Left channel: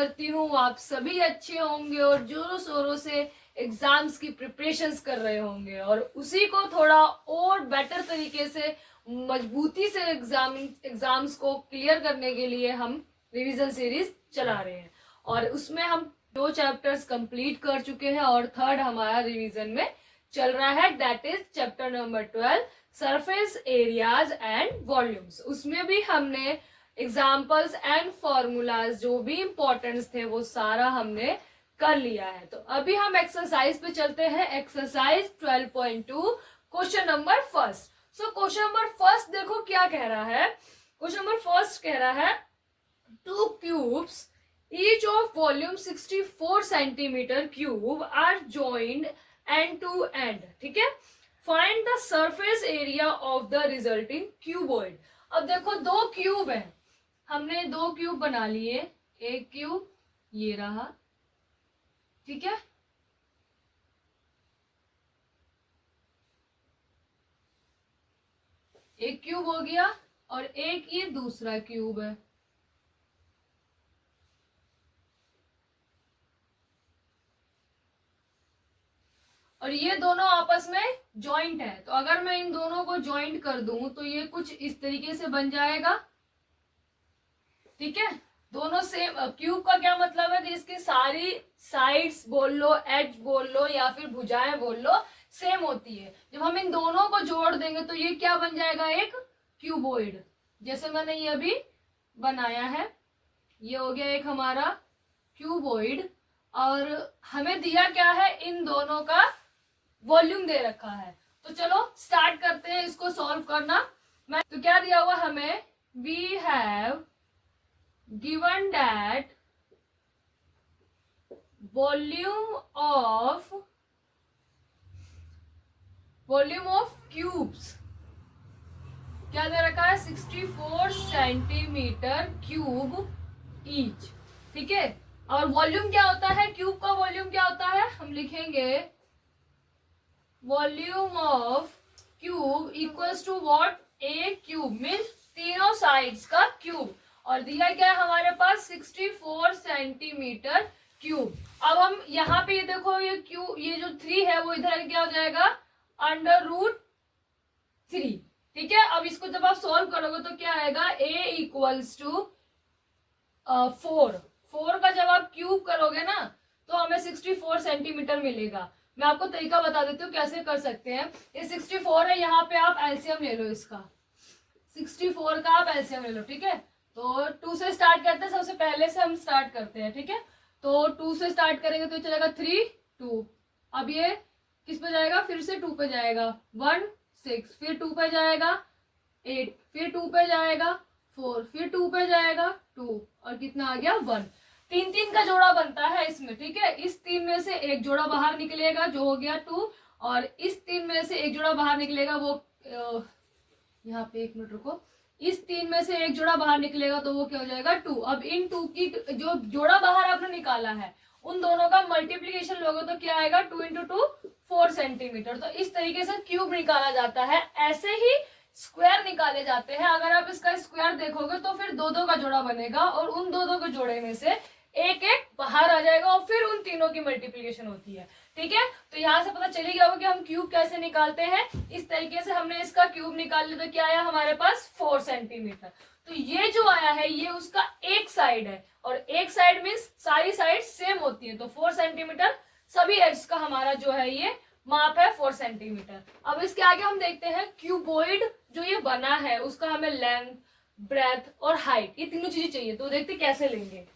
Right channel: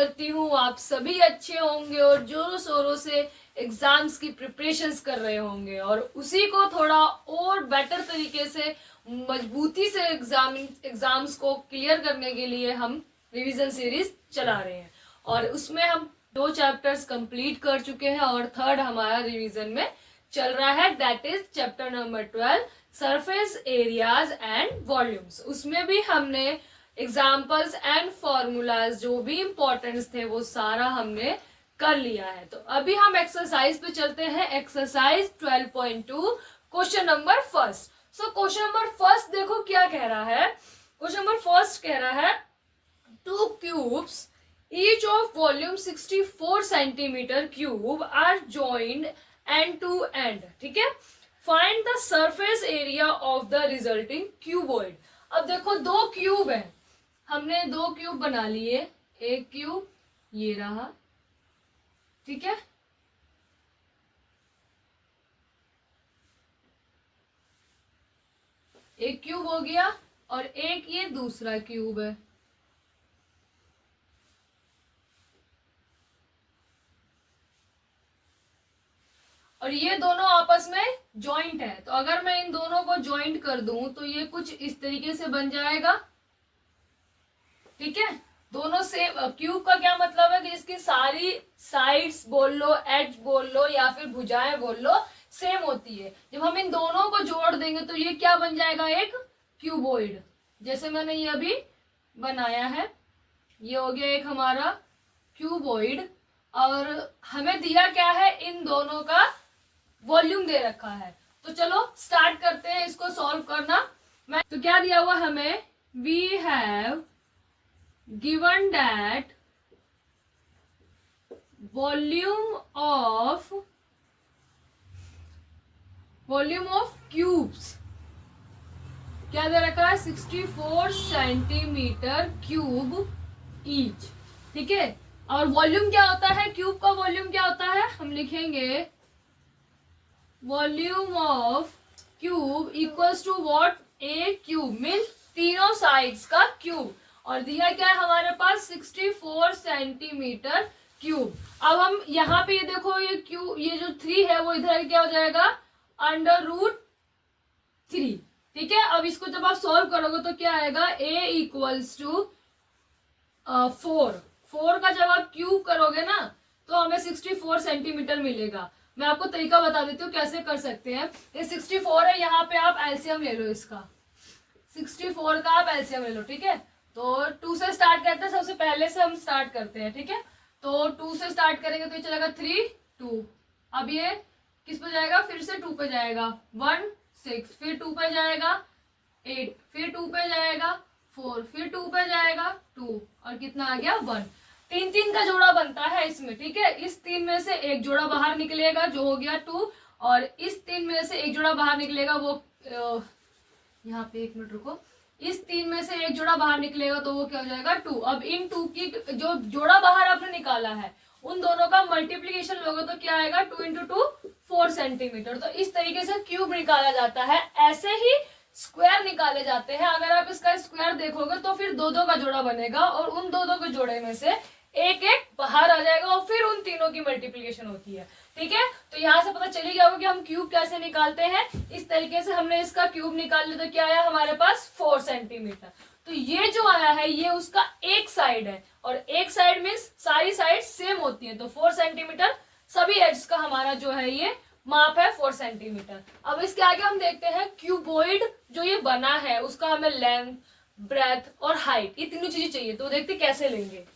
करती हूँ आप सभी अच्छे होंगे और जोरों शोरों से एग्जाम्स की प्रिपरेशंस कर रहे होंगे और उसी को थोड़ा और बेटर तरीके से मजबूती से एग्जाम्स को क्लियर करने के लिए हम रिवीजन सीरीज चला रहे हैं और उसमें हम 2 चैप्टर्स कंप्लीट कर चुके हैं और थर्ड हमारा रिवीजन में चल रहा है, that is chapter number 12 surface areas and volumes. उसमें भी हमने एग्जाम्पल्स एंड फॉर्मूलाज जो भी इंपॉर्टेंस थे वो सारा हमने कर लिया है। तो अभी हम एक्सरसाइज पे चलते हैं, exercise 12.2 question number first. So question number first देखो क्या कह रहा है। क्वेश्चन नंबर फर्स्ट कह रहा है 2 cubes each of volume 64 centimeter cube are joined end to end, ठीक है। Find the surface area of the resulting cuboid. अब देखो 2 क्यूब है, हमने 2 क्यूब बना लिए, एक क्यूब ये रहा, ठीक है, एक क्यूब हो गया और एक ये दूसरा क्यूब है। और ये दोनों आपस में जॉइंट है, तो अगर मैं इन दोनों को जॉइंट कर दूं तो ये कुछ इस तरीके से बन जाएगा, ठीक है। दोनों सेम, क्यूब का क्या मतलब है कि इसकी सारी साइड्स बोल लो, एज बोल लो या फिर भुजाएं बोल लो, सेम होती है। जब हम इन दोनों को जोड़ देंगे तो ये क्या बन जाएगा, एक क्यूबॉइड। जैसे मैंने ये अभी बनाया है, ये हो गया एक हमारा क्यूबॉइड। और हमें दिया क्या है, इन दोनों का वॉल्यूम दे रखा है। तो चलो स्टार्ट करते हैं इसको सॉल्व करना। मैं तो क्या दिया हुआ हमें, we have given that volume of cubes क्या दे रखा है, 64 सेंटीमीटर क्यूब ईच, ठीक है। और वॉल्यूम क्या होता है, क्यूब का वॉल्यूम क्या होता है, हम लिखेंगे volume of cube equals to what, A cube means तीनों साइड्स का क्यूब। और दिया क्या है हमारे पास, 64 सेंटीमीटर क्यूब। अब हम यहाँ पे ये देखो, ये क्यूब, ये जो 3 है वो इधर क्या हो जाएगा, √3, ठीक है। अब इसको जब आप सॉल्व करोगे तो क्या आएगा, a इक्वल्स टू 4 का जब आप क्यूब करोगे ना तो हमें 64 सेंटीमीटर मिलेगा। मैं आपको तरीका बता देती हूँ कैसे कर सकते हैं। ये 64 है, यहाँ पे आप एलसीएम ले लो इसका, 64 का आप एलसीएम ले लो, ठीक है। तो 2 से स्टार्ट करते हैं, सबसे पहले से हम स्टार्ट करते हैं, ठीक है। तो 2 से स्टार्ट करेंगे तो चलेगा 3 2। अब ये किस पे जाएगा, फिर से 2 पे जाएगा, 1 6, फिर 2 पे जाएगा 8, फिर 2 पे जाएगा 4, फिर 2 पे जाएगा 2 और कितना आ गया 1। 3 का जोड़ा बनता है इसमें, ठीक है। इस 3 में से एक जोड़ा बाहर निकलेगा जो हो गया 2, और इस 3 में से एक जोड़ा बाहर निकलेगा वो यहाँ पे 1 मिनट रुको, इस 3 में से एक जोड़ा बाहर निकलेगा तो वो क्या हो जाएगा 2। अब इन 2 की जो जोड़ा बाहर आपने निकाला है उन दोनों का मल्टीप्लीकेशन लोगे तो क्या आएगा, 2 × 2 4 सेंटीमीटर। तो इस तरीके से क्यूब निकाला जाता है। ऐसे ही स्क्वायर निकाले जाते हैं। अगर आप इसका स्क्वायर देखोगे तो फिर 2 का जोड़ा बनेगा और उन 2 के जोड़े में से एक बाहर आ जाएगा और फिर उन तीनों की मल्टीप्लीकेशन होती है, ठीक है। तो यहाँ से पता चली गया होगा कि हम क्यूब कैसे निकालते हैं। इस तरीके से हमने इसका क्यूब निकाल लिया तो क्या आया हमारे पास, 4 सेंटीमीटर। तो ये जो आया है ये उसका एक साइड है, और एक साइड मीन्स सारी साइड सेम होती है, तो 4 सेंटीमीटर सभी एड्स का हमारा जो है ये माप है 4 सेंटीमीटर। अब इसके आगे हम देखते हैं क्यूबॉइड जो ये बना है उसका हमें लेंथ, ब्रेथ और हाइट, ये तीनों चीजें चाहिए। तो देखते कैसे लेंगे।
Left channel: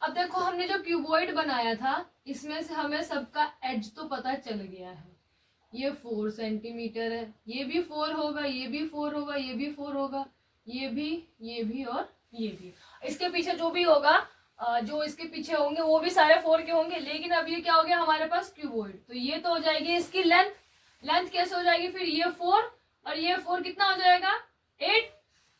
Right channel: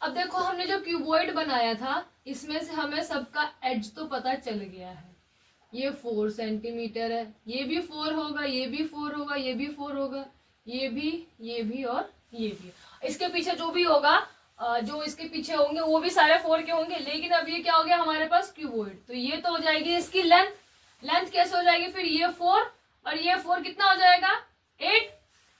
अब देखो हमने जो क्यूबॉइड बनाया था इसमें से हमें सबका एज तो पता चल गया है। ये 4 सेंटीमीटर है, ये भी 4 होगा, ये भी 4 होगा, ये भी 4 होगा, ये भी और ये भी। इसके पीछे जो भी होगा, जो इसके पीछे होंगे वो भी सारे 4 के होंगे। लेकिन अब ये क्या हो गया हमारे पास, क्यूबॉइड। तो ये तो हो जाएगी इसकी लेंथ कैसे हो जाएगी, फिर ये 4 और ये 4 कितना हो जाएगा 8।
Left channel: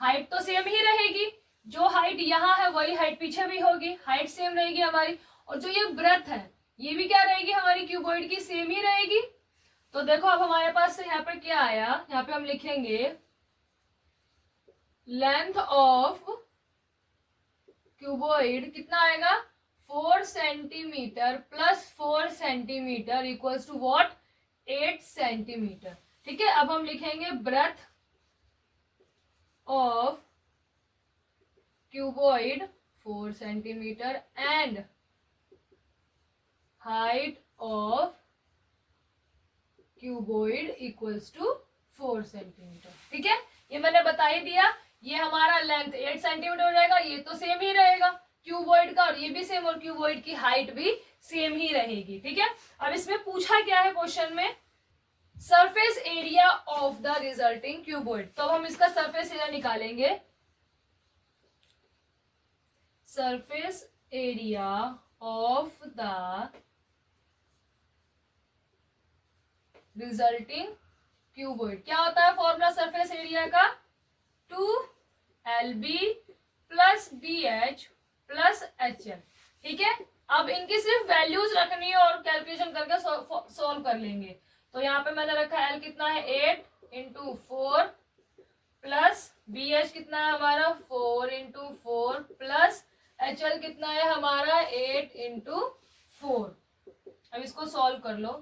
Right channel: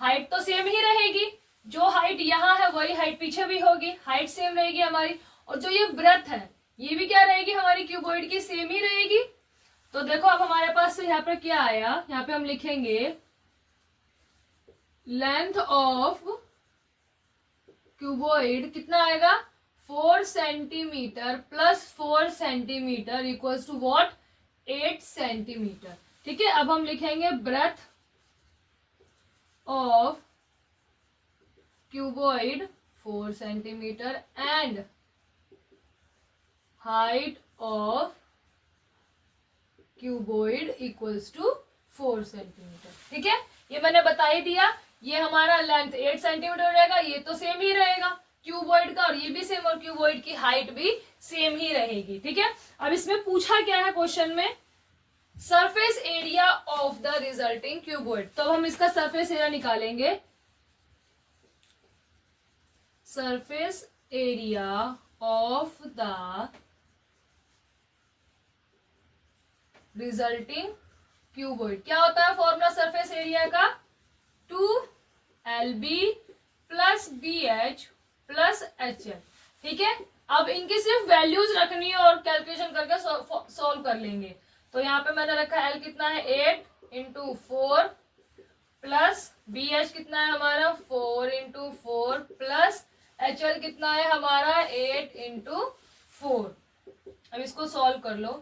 हाइट तो सेम ही रहेगी, जो हाइट यहाँ है वही हाइट पीछे भी होगी, हाइट सेम रहेगी हमारी। और जो ये ब्रेथ है ये भी क्या रहेगी हमारी क्यूबॉइड की, सेम ही रहेगी। तो देखो अब हमारे पास यहाँ पर क्या आया, यहाँ पे हम लिखेंगे लेंथ ऑफ क्यूबॉइड कितना आएगा 4 centimetre plus 4 centimetre equals to what 8 centimetre. ठीक है, अब हम लिखेंगे breadth of cuboid 4 centimetre and height of cuboid equals to 4 centimetre. ठीक है, ये मैंने बता ही दिया। ये हमारा लेंथ 8 सेंटीमीटर रहेगा, ये तो सेम ही रहेगा क्यूबॉइड का, और ये भी सेम, और क्यूबॉइड की हाइट भी सेम ही रहेगी। ठीक है, अब इसमें पूछा क्या है क्वेश्चन में, surface area of the resulting cuboid. तो अब हम इसका सरफेस एरिया निकालेंगे। Surface area of the resulting cuboid क्या होता है फॉर्मूला सरफेस एरिया का 2LB plus BH plus HL। ठीक है, अब इनकी सिर्फ वैल्यूज रखनी है और कैलकुलेशन करके सॉल्व कर लेंगे। तो यहाँ पे मैंने रखा L कितना है 8 इंटू 4 प्लस BH कितना है हमारा 4 इंटू 4 प्लस HL कितना है हमारा 8 इंटू 4। अब इसको सॉल्व कर लो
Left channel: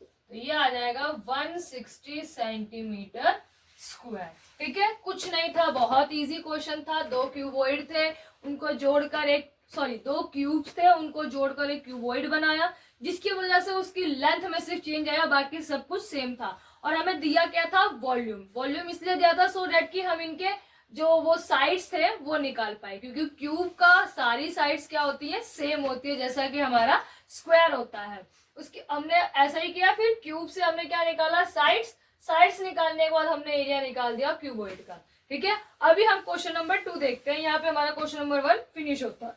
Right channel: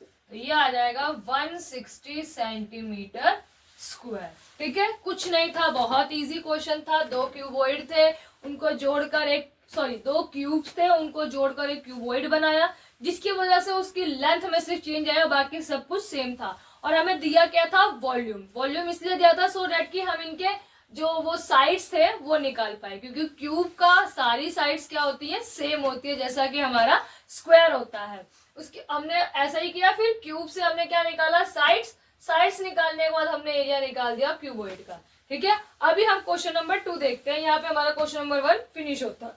तो ये आ जाएगा 160 सेंटीमीटर स्क्वायर। ठीक है, कुछ नहीं था, बहुत इजी क्वेश्चन था। 2 क्यूबॉइड थे, उनको जोड़कर एक 2 क्यूब्स थे, उनको जोड़कर एक क्यूबॉइड बनाया, जिसकी वजह से उसकी लेंथ में सिर्फ चेंज आया, बाकी सब कुछ सेम था। और हमें दिया क्या था वॉल्यूम। वॉल्यूम इसलिए दिया था सो दैट कि हम इनके जो वो साइड्स थे वो निकाल पाए, क्योंकि क्यूब का सारी साइड्स क्या होती है सेम होती है, जैसा कि हमारा स्क्वायर होता है। उसकी हमने ऐसा ही किया, फिर क्यूब से हमने क्या निकाला साइड्स निकालने के बाद हमने एरिया निकाल दिया क्यूबॉइड का। ठीक है, अभी हम क्वेश्चन नंबर 2 देखते हैं। यहाँ पे हमारा क्वेश्चन नंबर 1 फिनिश होता है।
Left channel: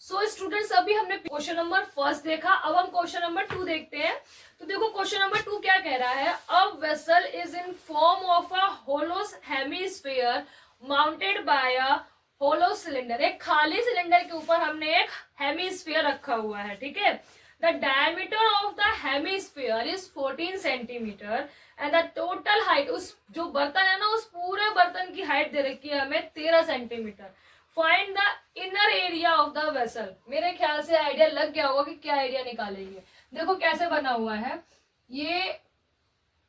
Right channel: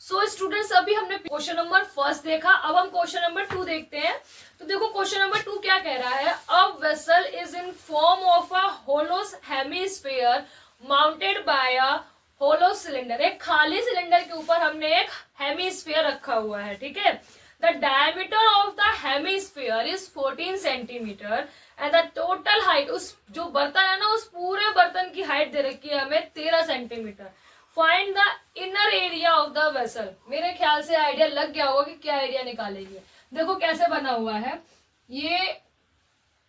सो स्टूडेंट्स, अभी हमने क्वेश्चन नंबर 1 देखा, अब हम क्वेश्चन नंबर 2 देखते हैं। तो देखो क्वेश्चन नंबर 2 क्या कह रहा है, a vessel is in form of a hollow hemisphere mounted by a hollow cylinder. एक खाली सिलेंडर के ऊपर हमने एक हेमिस्फीयर रखा हुआ है। ठीक है, the diameter of the hemisphere is 14 centimetre and the total height, उस जो बर्तन है ना उस पूरे बर्तन की हाइट दे रखी है हमें 13 centimetre. Find the inner area of the vessel. मेरे ख्याल से आइडिया लग गया होगा कि क्या एरिया निकालेंगे। देखो कैसे बना हुआ है, ये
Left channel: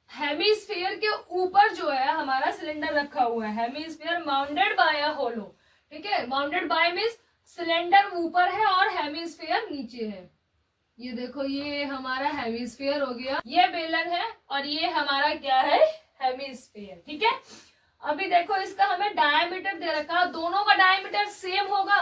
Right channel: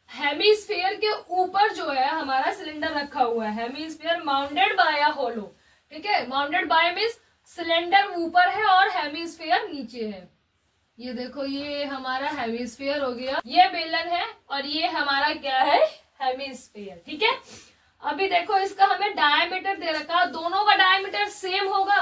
हेमिस्फीयर के ऊपर जो है हमारा सिलेंडर रखा हुआ है, हेमिस्फीयर माउंटेड बाय अ होलो। ठीक है, माउंटेड बाय मीन्स सिलेंडर ऊपर है और हेमिस्फीयर नीचे है। ये देखो ये हमारा हेमिस्फीयर हो गया, ये बेलन है और ये हमारा क्या है हेमिस्फीयर। ठीक है, अभी देखो इसका हमें डायमीटर दे रखा, दोनों का डायमीटर सेम होगा।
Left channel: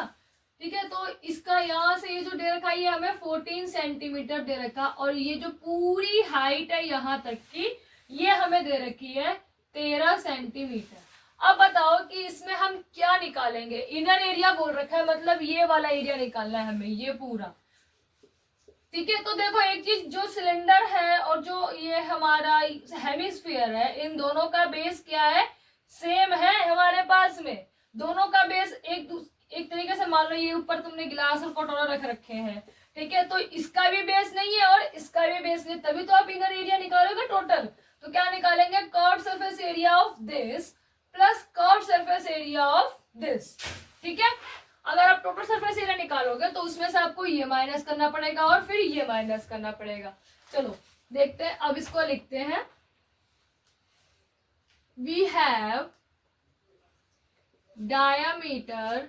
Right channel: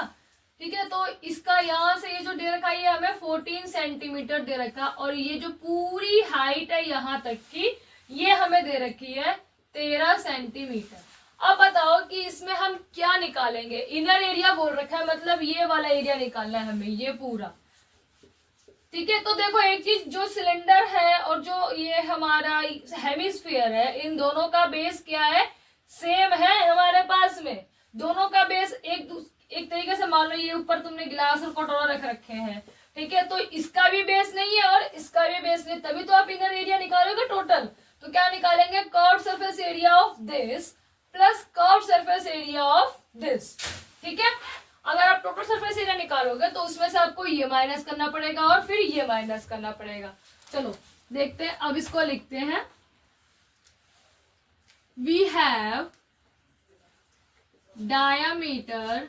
ठीक है, तो इसका यहाँ से ये जो दे रखा है ये हमें 14 सेंटीमीटर दे रखा, और ये जो पूरी हाइट है यहाँ तक की ये हमें दे रखी है 13 सेंटीमीटर। अब बताओ कि इसमें हम क्या निकालेंगे। इनर एरिया बोल रखा है, मतलब ये वाला एरिया निकालना है हमें, ये पूरा। ठीक है, तो देखो एक चीज, जो सिलेंडर है और जो ये हमारा हेमिस्फीयर है, इन दोनों का बेस क्या है सेम है हमारे पास में। दोनों का बेस एक तरीके से मान लो ये ऊपर तुमने गिलास और कटोरा रख रखे हैं। ठीक है, तो इसका भी बेस नहीं है और इसका भी बेस नहीं, तभी तो आप इनर एरिया निकालोगे टोटल। तो क्या निकालेंगे, curved surface area of this plus curved surface area of this. ठीक है, अगर आप टोटल सरफेस एरिया निकालोगे तो उसमें से आपको ये माइनस करना पड़ेगा और फिर ये माइनस करना पड़ेगा। चलो देखते हैं, अब इसको लिखते हैं। We have diameter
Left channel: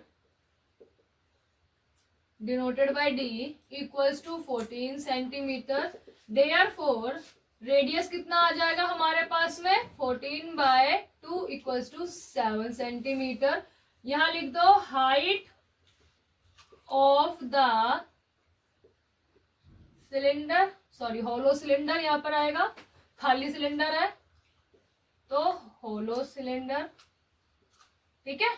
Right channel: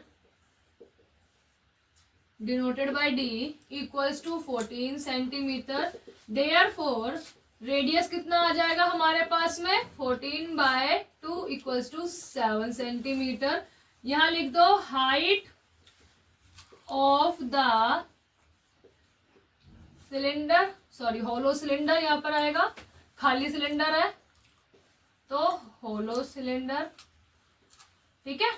denoted by d equals to 14 centimetre. Therefore radius कितना आ जाएगा हमारे पास में 14/2 इक्वल्स टू 7 सेंटीमीटर। यहां लिख दो height of the cylinder, sorry hollow cylinder यहाँ पर आएगा, खाली सिलेंडर है तो होलो सिलेंडर। ठीक है,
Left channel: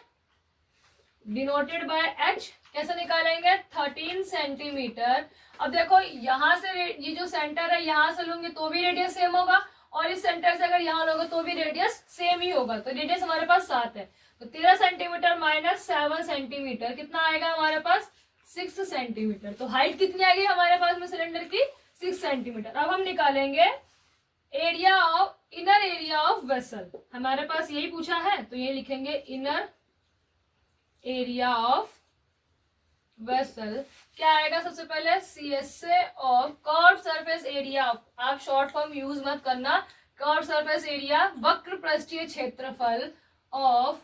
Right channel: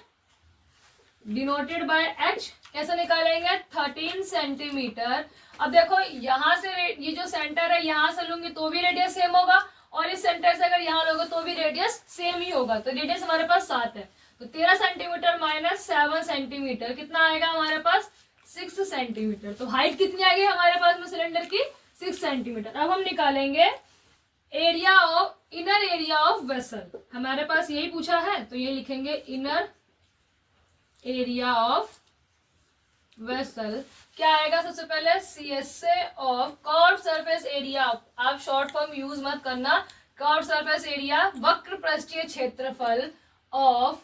डिनोटेड बाय h कैसे निकालेंगे 13 सेंटीमीटर। अब देखो यहां से ये जो सेंटर है यहां से लूंगी तो भी रेडियस सेम होगा, और इस सेंटर से अगर यहां लोगे तो भी रेडियस सेम ही होगा। तो रेडियस हमारे पास 7 है, तो 13 सेंटीमीटर माइनस 7 सेंटीमीटर कितना आएगा हमारे पास 6 सेंटीमीटर। तो हाइट कितनी आएगी हमारे पास में सिलेंडर की 6 सेंटीमीटर। अब हम निकालेंगे area of inner area of vessel. हमारे पास यही पूछा है तो ये लिखेंगे इनर एरिया ऑफ वेसल क्या आएगा सबसे पहले, CSA of curve surface area. आप शॉर्ट फॉर्म यूज मत करना, कर्व सरफेस एरिया वक्र पृष्ठीय क्षेत्रफल ऑफ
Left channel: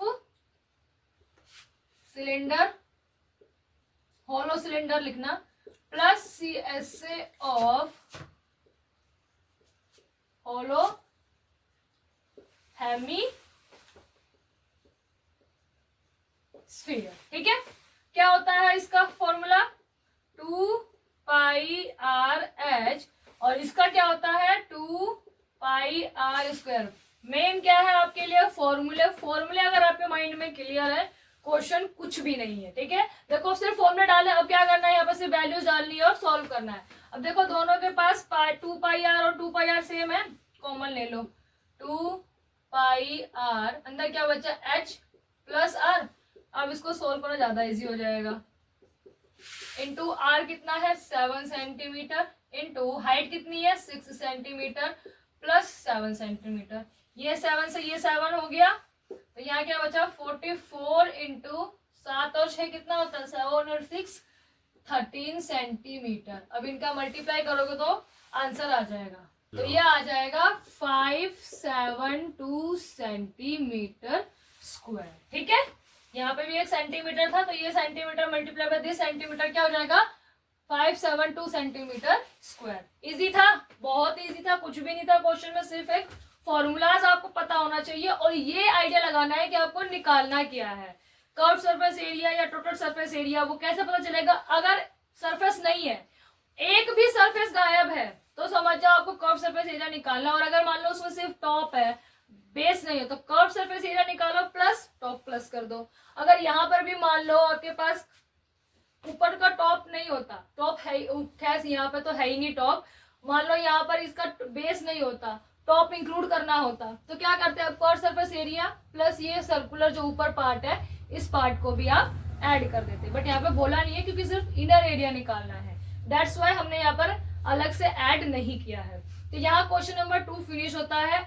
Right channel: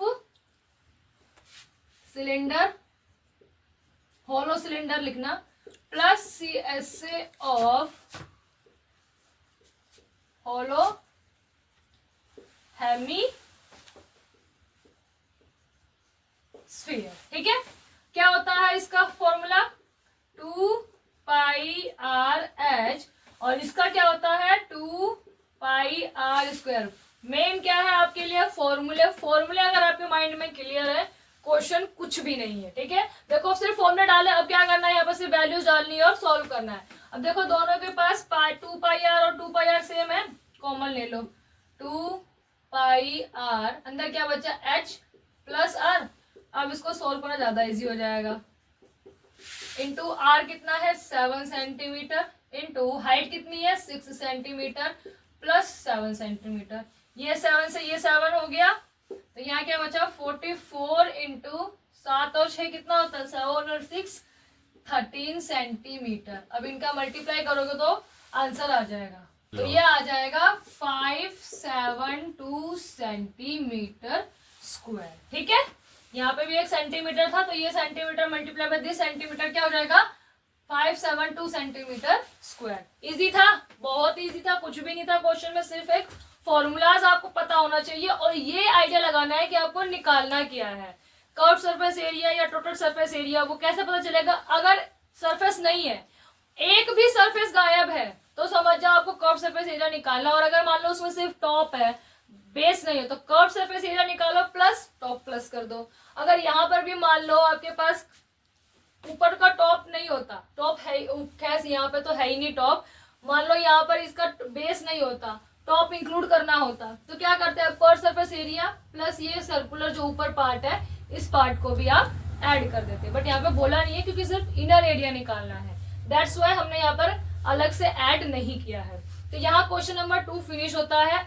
सिलेंडर, होलो सिलेंडर लिखना, plus CSA of hollow hemisphere. ठीक है, क्या होता है इसका फॉर्मूला, 2πrh, और इसका क्या होता है 2πr²। मेन क्या है आपके लिए, फॉर्मूले। फॉर्मूले अगर आपके माइंड में क्लियर है, क्वेश्चन कुछ भी नहीं है। ठीक है, देखो सिर्फ फॉर्मूला डाले, अब क्या करना है, यहाँ पर सिर्फ वैल्यूज डालनी है और सॉल्व करना है। अब देखो दोनों के पास 2πr और 2πr सेम है, कॉमन ले लो, 2πr, अंदर क्या बचा h प्लस r। अब इसको सोल्व करना ज्यादा इजी हो जाएगा। इंटू आर कितना है 7 सेंटीमीटर, इंटू हाइट कितनी है 6 सेंटीमीटर प्लस 7 सेंटीमीटर, ये 7 से ये 7 हो गया, तो यहाँ क्या बचा 44 इंटू 7 और 6 कितना होता है 7 और 6 13 सेंटीमीटर। अब इनका मल्टीप्लाई करोगे तो आंसर आ जाएगा, तो ये आ जाएगा 572 सेंटीमीटर स्क्वायर। ठीक है, यहाँ पे भी एक सेंटीमीटर था, तो ये centimetre multiply by this centimetre क्या हो जाएगा 572 सेंटीमीटर स्क्वायर। इजी था, बहुत इजी था, कुछ भी नहीं था क्वेश्चन में, सिर्फ एक फॉर्मूलाज आपको पता होना चाहिए और ये आइडिया लगाना है कि आपको निकालना क्या है। कर्व सरफेस एरिया या टोटल सरफेस एरिया वो कैसे पता चलेगा, अगर सरफेस नहीं है, एक भी सरफेस गायब है, तो समझ जाओ आपको कर्व सरफेस एरिया निकालना। और अगर मान लो उसमें सिर्फ टॉप है, बेस नहीं हो, तो कर्व सरफेस एरिया निकालो प्लस टॉप प्लस कर दो। अगर यहाँ पर भी मान लो आपके पास ऊपर का टॉप नहीं होता, टॉप है खैर यहाँ पे तो है ही नहीं टॉप, मान लो यहाँ पर इसका बेस नहीं होता, टॉप इंक्लूड करना होता, तो क्या करते हैं पर सरफेस एरिया प्लस ये सर्कुलर जो ऊपर पार्ट है, इस पार्ट को भी आप ऐड कर देते। बट यहाँ पे बोला नहीं है क्योंकि सिर्फ इनर एरिया निकालना है, दैट्स वाई हमने यहाँ पर अलग से ऐड नहीं किया है। तो यहाँ क्वेश्चन नंबर 2 फिनिश होता है।